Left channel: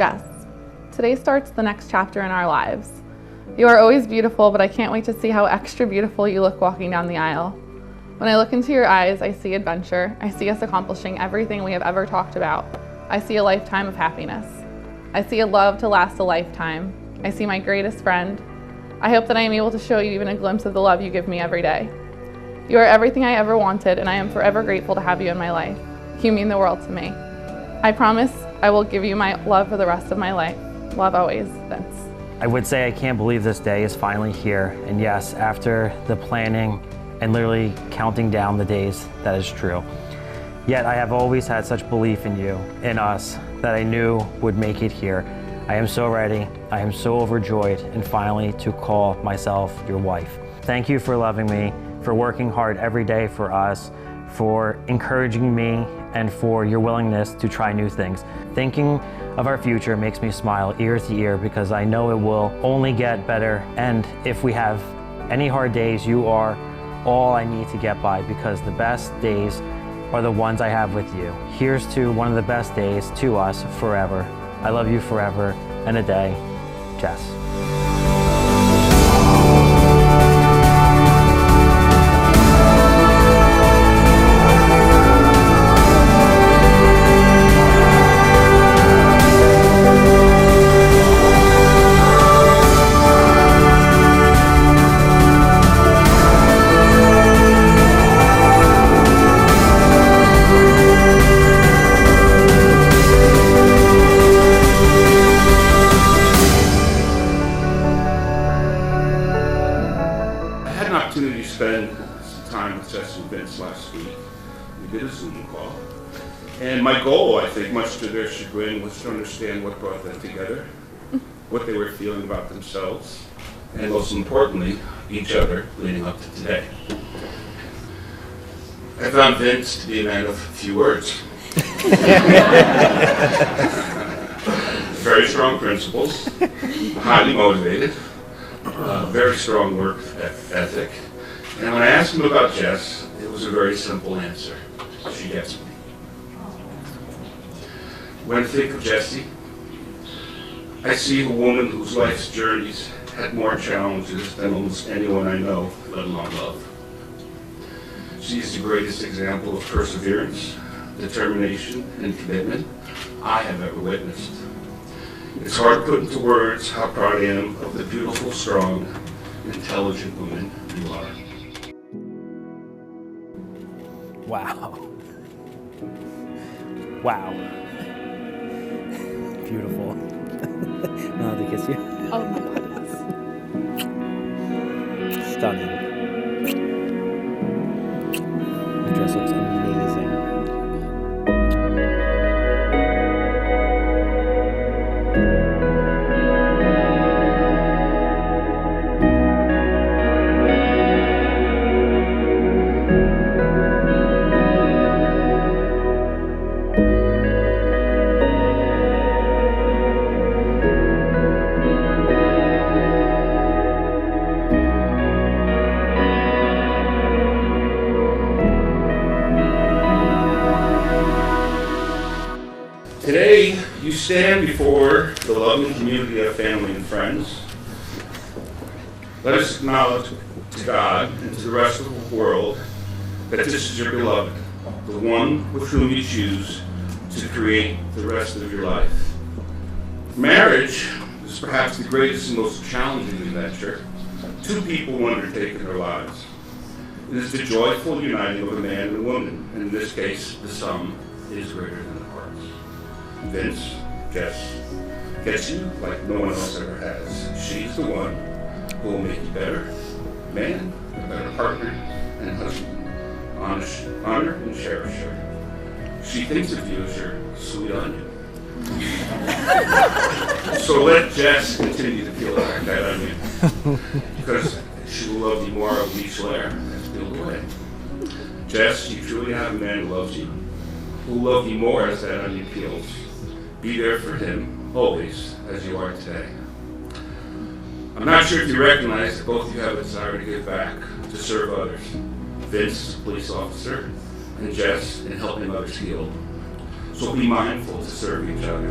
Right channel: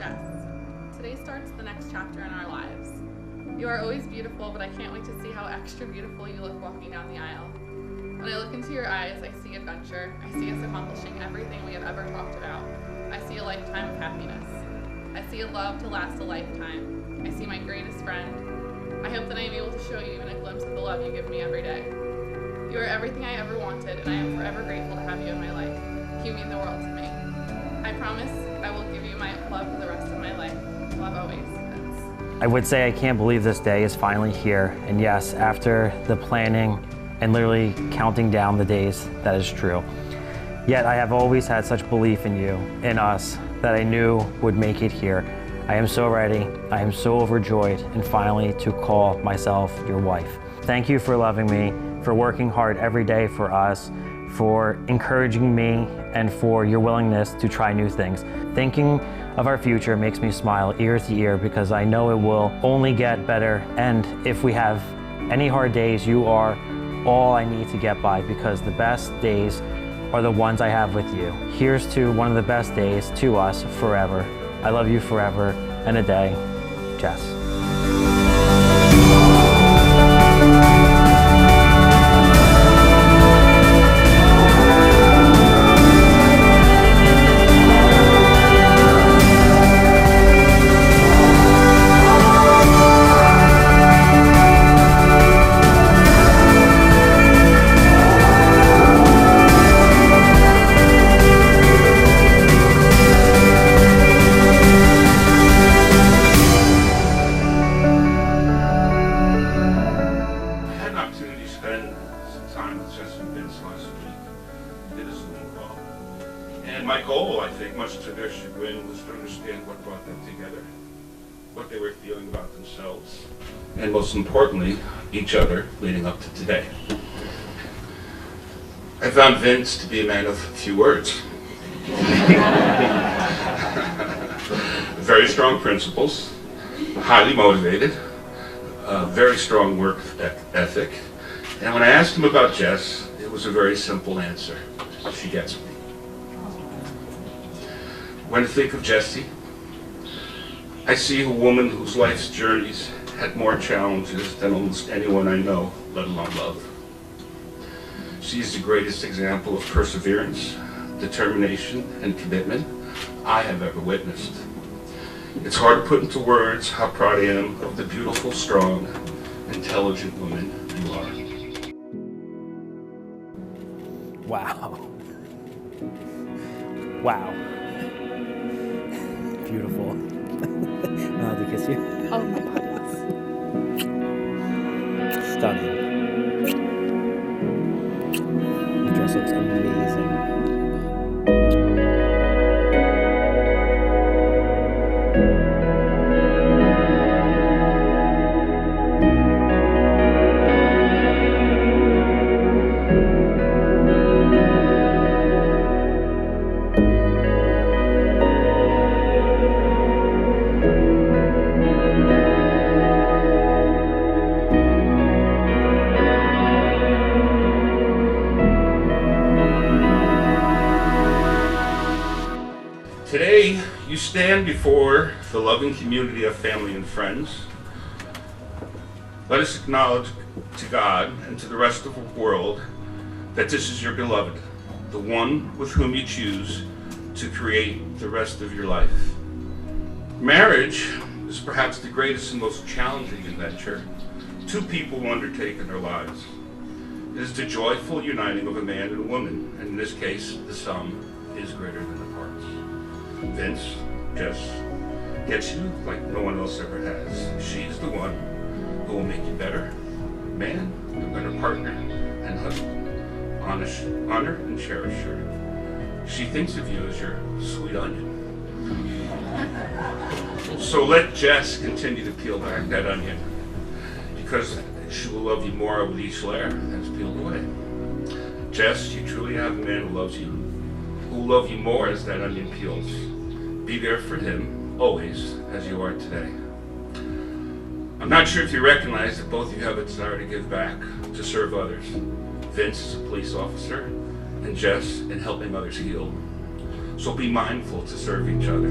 Jess, today starts the next chapter in our lives. You are always beautiful, but I can't wait to see how extra beautiful you look walking down the aisle. When I look into your eyes, I see adventure. I see us accomplishing everything we have ever talked about. I see a lifetime of happiness. I see a love to last a lifetime. I see my greatest friend. I hope that I am able to show you even a glimpse of the love you give me every day. You are everything I ever wanted, and I am forever grateful to have you in my life. You mean the world to me. I promise I will give you my love for the rest of my life. Love always, Vince. I would say I can't believe this day is finally here. And yes, after the planning and literally counting down the days, that is true. Yet I have always had such belief in you, in us, that I knew would make it here. I am so ready. I am so overjoyed, and finally to call myself your wife. Thank you for loving me, for working hard every day for us, for encouraging me, and for your willingness to try new things. Thinking of our future makes me smile ear to ear because I know it will only get better. And if we have any hard days, you are all I need to get by, because the best days are the ones I have with you. Here's to one of the best days to us forever. I love you forever and a day, Jess. Spend some time with Jess and Vince last week. We did a Zoom call. And my goal, I think, much to their chagrin, was to understand what brought them together, what they were feeling about themselves, and most importantly, each other leading up to today. I found Vince to be a man of few words. Very strong principles, highly motivated, very strong work ethic. And when I asked him about Jess, it was a very simple answer. She gets me. When I think of Jessie, I see a woman whose life's journeys had more challenges than almost anyone I know, let alone love. She is the greatest example of perseverance, determination, and commitment I have ever witnessed. It's hard to put into words how proud I am of the beautiful, strong, intelligent woman you are. Wow. Wow. Beautiful. I'm allowed to kiss you? Oh my God, yes. Stunning. The dress looks amazing. Today, you stand before the loving community of family and friends. Let us acknowledge to God and to the rest of the world that this is your beloved, the one with whom you choose to create the rest of your life. Marriage is perhaps the greatest and most challenging adventure two people will undertake in their lives. It is the joyful uniting of a man and woman, and in this case, the sum is greater than the parts. Vince, gets you like no one else ever has. She's the one who will make you better man, a better partner, and husband. Honor and cherish her. She thinks of you as your sweet onion. So let Jess continue to peel back that onion, because she will love you more with each layer that's peeled away. Jess, you truly have a man who loves you, who will love you more as that onion peels. Be there for him, always, as you are today. I'm not sure if you recognize that both of you have a desire to give back, to serve others. Vince is a police officer, and Jess in helping others heal. So be mindful to serve each other.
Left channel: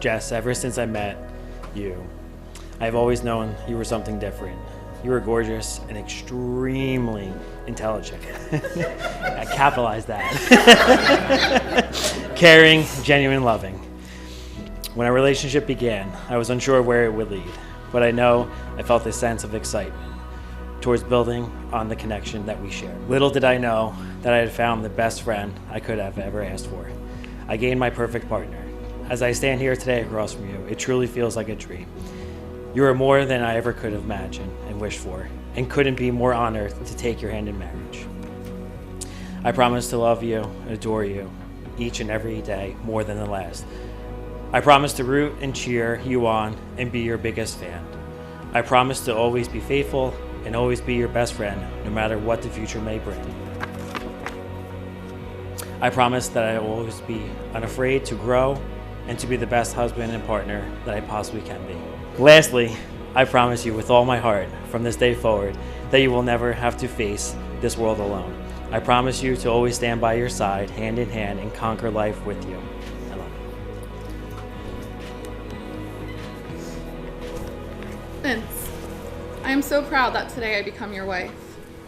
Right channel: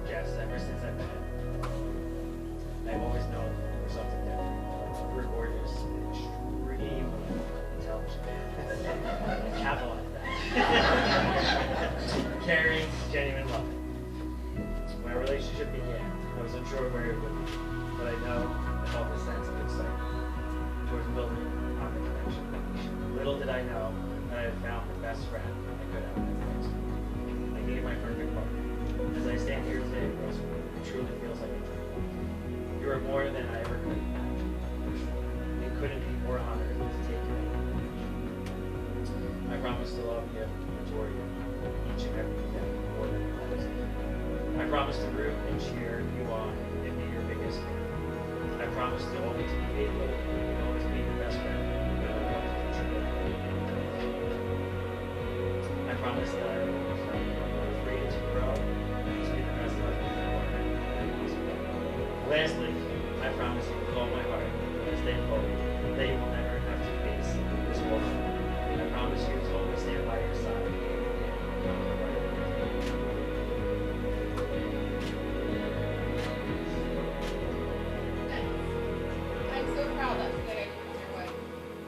Jess, ever since I met you, I've always known you were something different. You were gorgeous and extremely intelligent. I capitalized that. Caring, genuine, loving. When our relationship began, I was unsure where it would lead, but I know I felt a sense of excitement towards building on the connection that we shared. Little did I know that I had found the best friend I could have ever asked for. I gained my perfect partner. As I stand here today across from you, it truly feels like a dream. You are more than I ever could have imagined and wished for, and couldn't be more honored to take your hand in marriage. I promise to love you and adore you each and every day more than the last. I promise to root and cheer you on and be your biggest fan. I promise to always be faithful and always be your best friend, no matter what the future may bring. I promise that I will always be unafraid to grow and to be the best husband and partner that I possibly can be. Lastly, I promise you with all my heart from this day forward that you will never have to face this world alone. I promise you to always stand by your side, hand in hand, and conquer life with you. Vince, I am so proud that today I become your wife,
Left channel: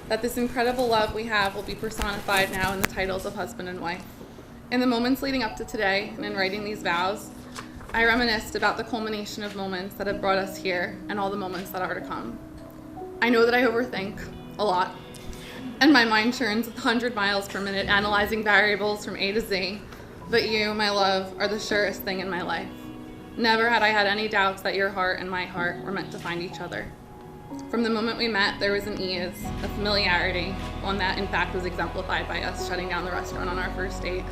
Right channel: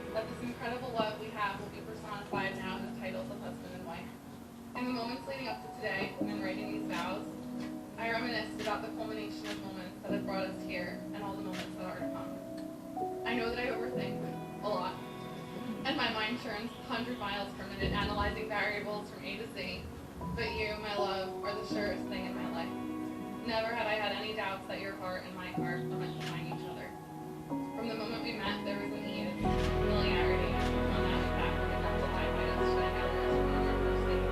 that this incredible love we have will be personified now in the titles of husband and wife. In the moments leading up to today and in writing these vows, I reminisced about the culmination of moments that have brought us here and all the moments that are to come. I know that I overthink a lot, and my mind churns 100 miles per minute analyzing variables from A to Z, but you, my love, are the surest thing in my life. Never had I had any doubts that your heart and my heart were meant to find each other. From the moment we met, there was an ease, a familiarity, one that in fact was exemplified by us shutting down the restaurant on our first date,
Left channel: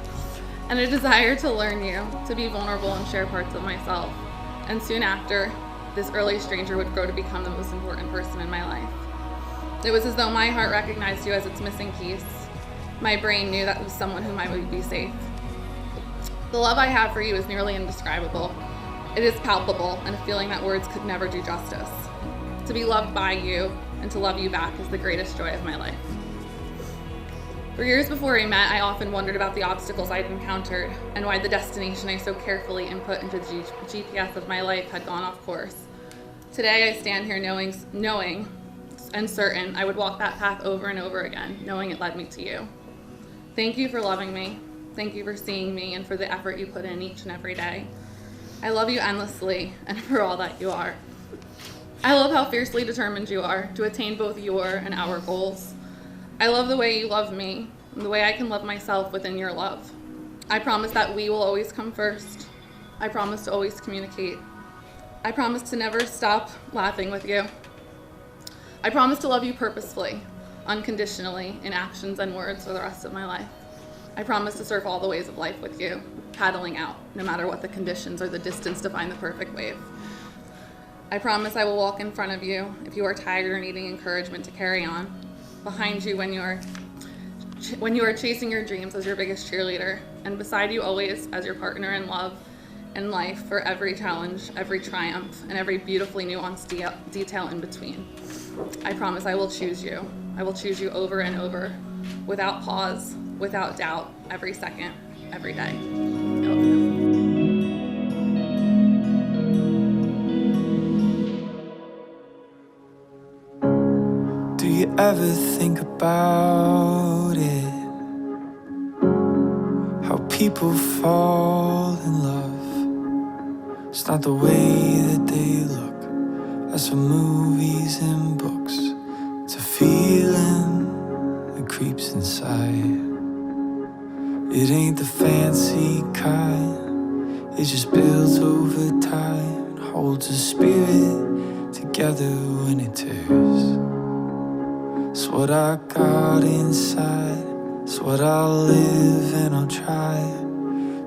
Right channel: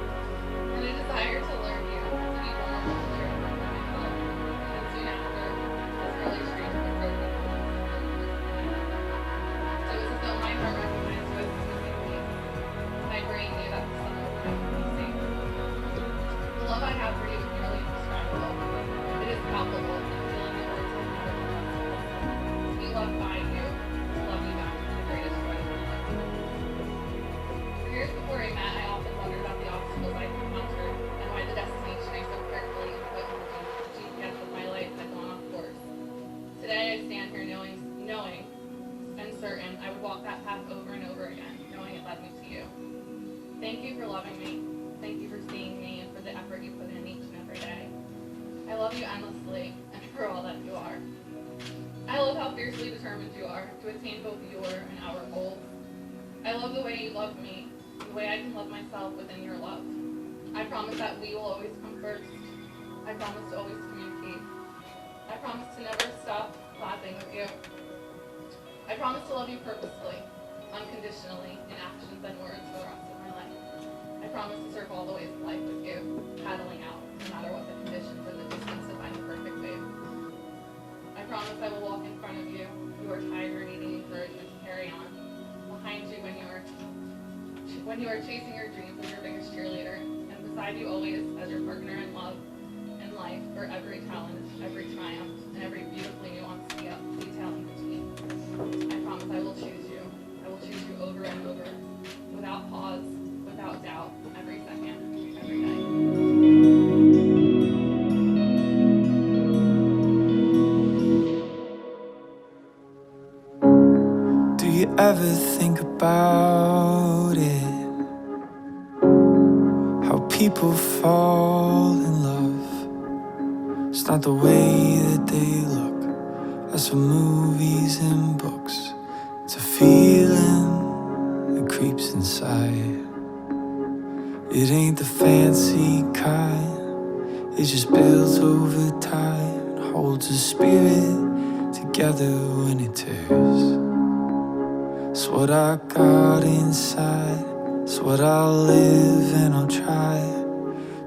and a desire to learn you, to be vulnerable and share parts of myself. And soon after, this early stranger would grow to become the most important person in my life. It was as though my heart recognized you as its missing piece. My brain knew that was someone whom I would be safe. The love I have for you is nearly indescribable. It is palpable and a feeling that words could never do justice. To be loved by you and to love you back is the greatest joy of my life. For years before we met, I often wondered about the obstacles I'd encountered and why the destination I so carefully input into the GPS of my life had gone off course. Today I stand here knowing and certain I would walk that path over and over again, knowing it led me to you. Thank you for loving me. Thank you for seeing me and for the effort you put in each and every day. I love you endlessly and for all that you are. I love how fiercely determined you are to attain both your and our goals. I love the way you love me, and the way I can love myself within your love. I promise that we will always come first. I promise to always communicate. I promise to never stop laughing with you. I promise to love you purposefully, unconditionally, in actions and words for the rest of my life. I promise to surf all the ways of life with you, paddling out, no matter what the conditions or the distance to find the perfect wave. I promise I will walk in front of you if you are tired or needing encouragement to carry on, behind you when you are when you are chasing your dreams as your biggest cheerleader, and beside you always as your partner in love and life for every challenge, every triumph, and every beautifully nuanced detail in between. I promise I will choose you. I will choose you over and over, without pause, without doubt, every second, every day. Do you ever think about it? How people fall in love. It's not the way that they look. That's from movies and books. It's a feeling that creeps inside. It ain't the fancy kind. It just builds over time. Holds a spirit together when it tears. It's what I got inside. It's what I'll live and I'll try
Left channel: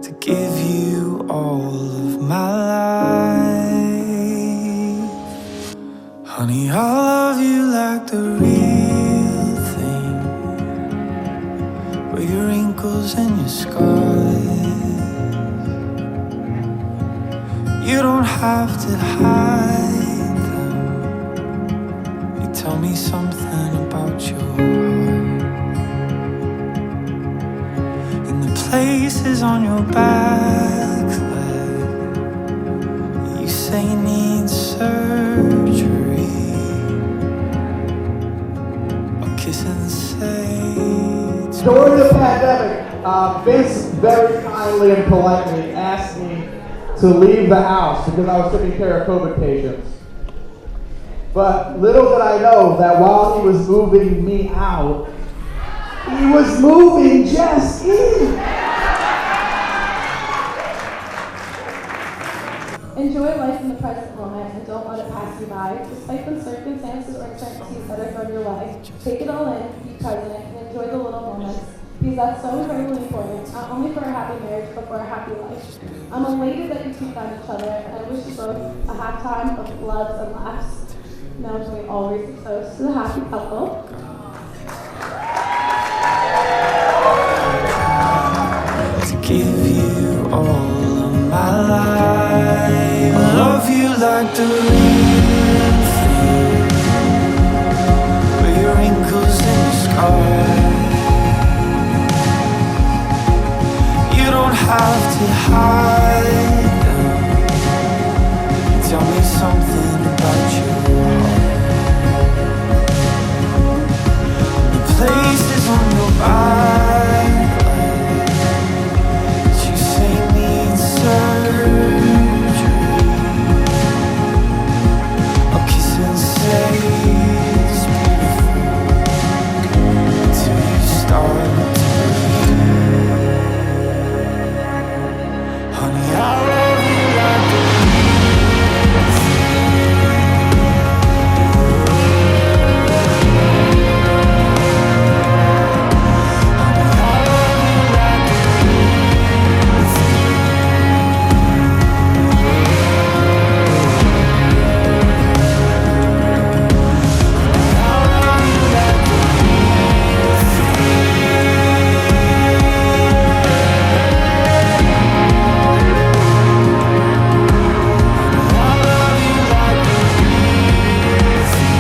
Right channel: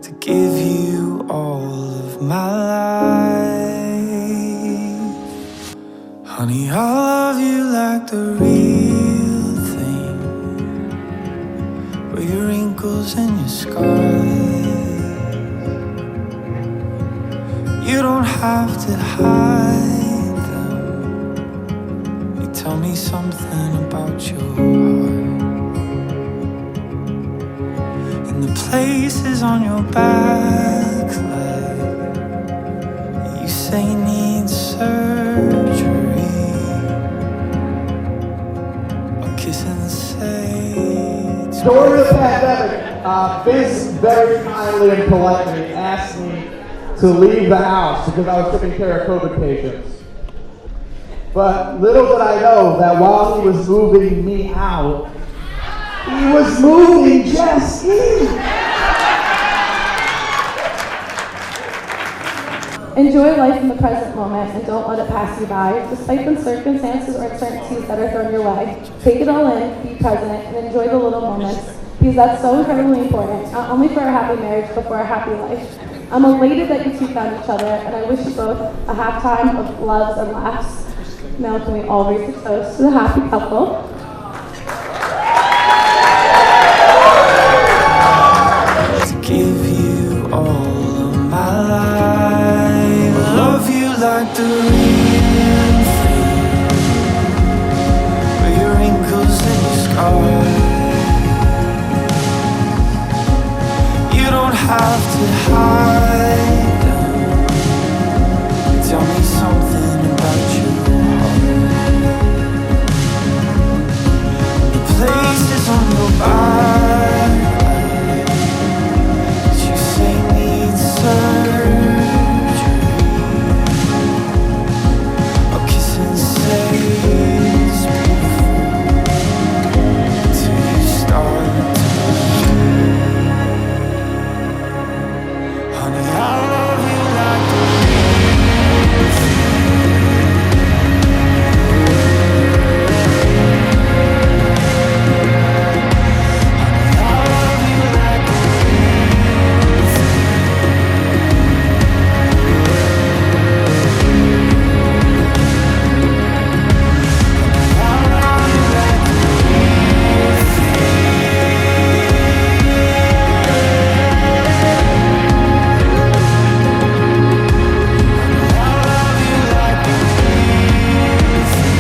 to give you all of my life. Honey, I love you like the real thing, with your wrinkles and your scars. You don't have to hide them. You tell me something about your heart. And the places on your back leg you say need surgery. I'll kiss and say during the pandemic, Vince very kindly and politely asked me to leave the house because I was taking care of COVID patients. But little did I know that while he was moving me out, he was moving Jess in. Enjoy life in the present moment and don't let it pass you by, despite the circumstances or uncertainties that are thrown your way. Take it all in, be present, and enjoy the little moments, because that's so incredibly important, not only for a happy marriage, but for a happy life. I'm elated that you two found each other, and I wish you both a happy time of loves and laughs. Now can we all raise a toast to the happy couple? to give you all of my life. I love you like the real thing, with your wrinkles and your scars. You don't have to hide them. You tell me something about your heart. The places on your back that you say need surgery. I'll kiss and say it's beautiful till you start to believe. Honey, I love you like the real thing. Honey, I love you like the real thing. Honey, I love you like the real thing. I love you like the real thing.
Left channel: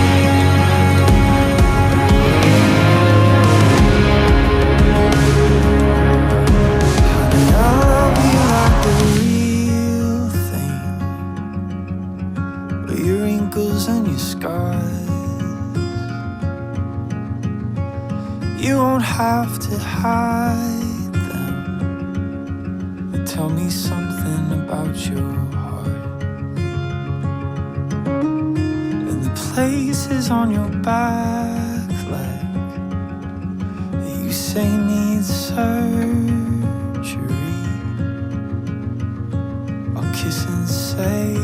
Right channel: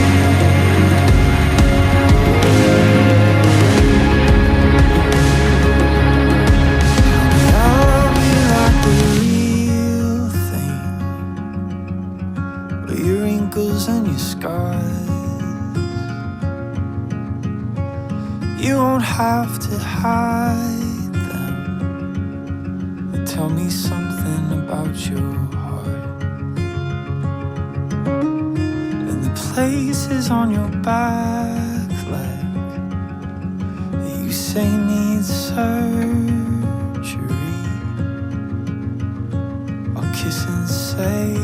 Honey, I love you like the real thing, with your wrinkles and your scars. You won't have to hide them. But tell me something about your heart. And the places on your back leg that you say need surgery. I'll kiss and say